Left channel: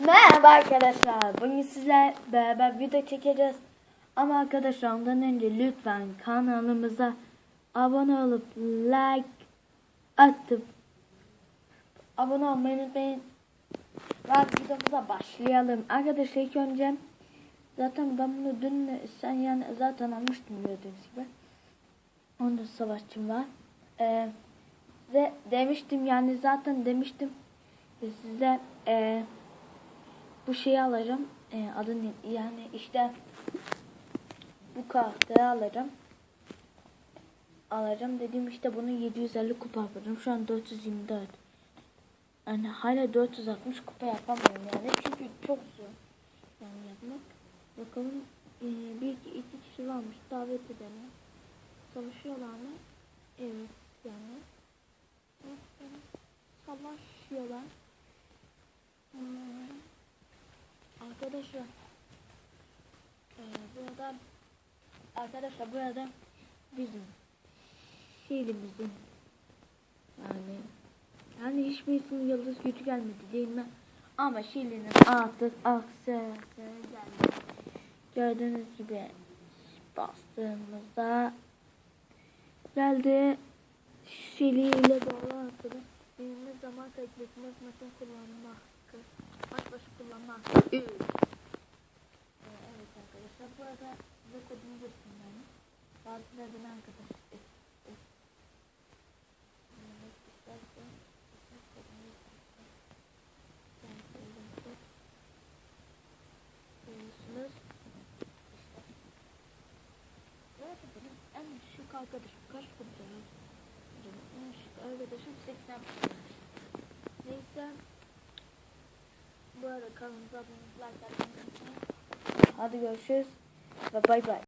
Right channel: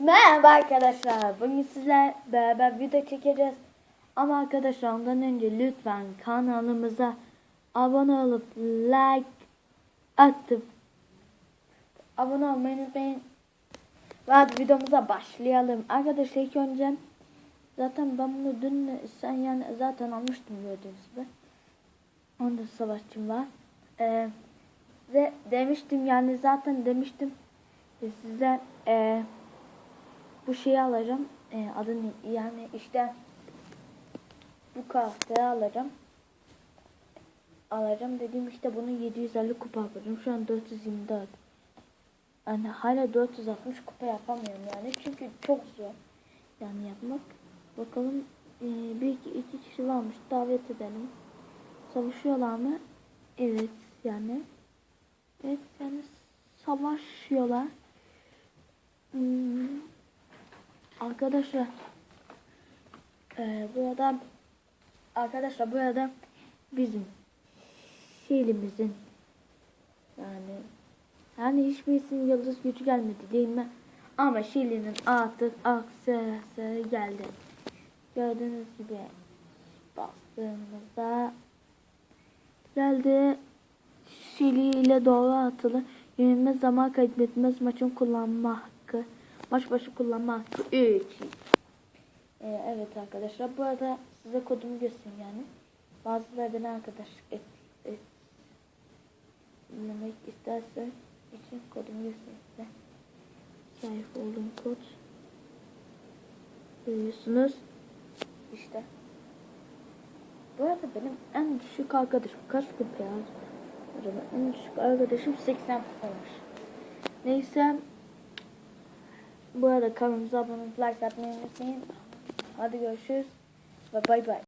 Merhaba arkadaşlar. Bugün sizler beraber video çekeceğiz. Ama arkadaşlar ondan önce lütfen kanalımıza abone olup like atıp abone olmayı unutmayın. Ve videomuza başlayalım. Arkadaşlar ilk önce zaten ben bunu dün sen yani zaten almıştım gördüğünüz gibi. Onda savaşçım var. Ee, ve demiştim yani zaten demiştim size e, bu şeyi alacağım. E, adını yani işte bu karakteri alacağım. Alacağım dediğim işte bunu 750 kupa yapacağım. Şu an 424. Yani hala 460 kupa yapamıyorum yani. Çünkü çok zor. Yani yapmak. Bakalım e, bir iki, iki kişi varmış. Davet edelim. Savaşıyorlar mı? Evet yani. Evet yani savaşıyorlar. Hmm. Arkadaşlar e, burada arkadaşlar burada bizim şehrimizin yani yani hiçbirisinin yıldız gücü gelmedi değil mi? Ama Şili'nin artık aksesuarı geldi. Gördüğünüz gibi bastığımızda geldi. Şili ile doğru atılı. Yenilmez zaman kaybetmez maçın kullanma hakkı. Maç başı kullanma hakkı. 3. Ee, evet arkadaşlar. Bu arada size kodumu göstereyim yani. Bazıları beni arkadaşlık et, et, dinlemek isterse için kodumu göstereyim size. Sahip olduğum kod. Görüyorsunuz. İşte. Bu arada benim en düşük arkadaşım kaç kupa ya? Acaba en düşük arkadaşım 80 kupaymış. Neyse. Bu arada kanalımıza abone olup like atmayı unutmayın. Hadi görüşürüz ve bay bay.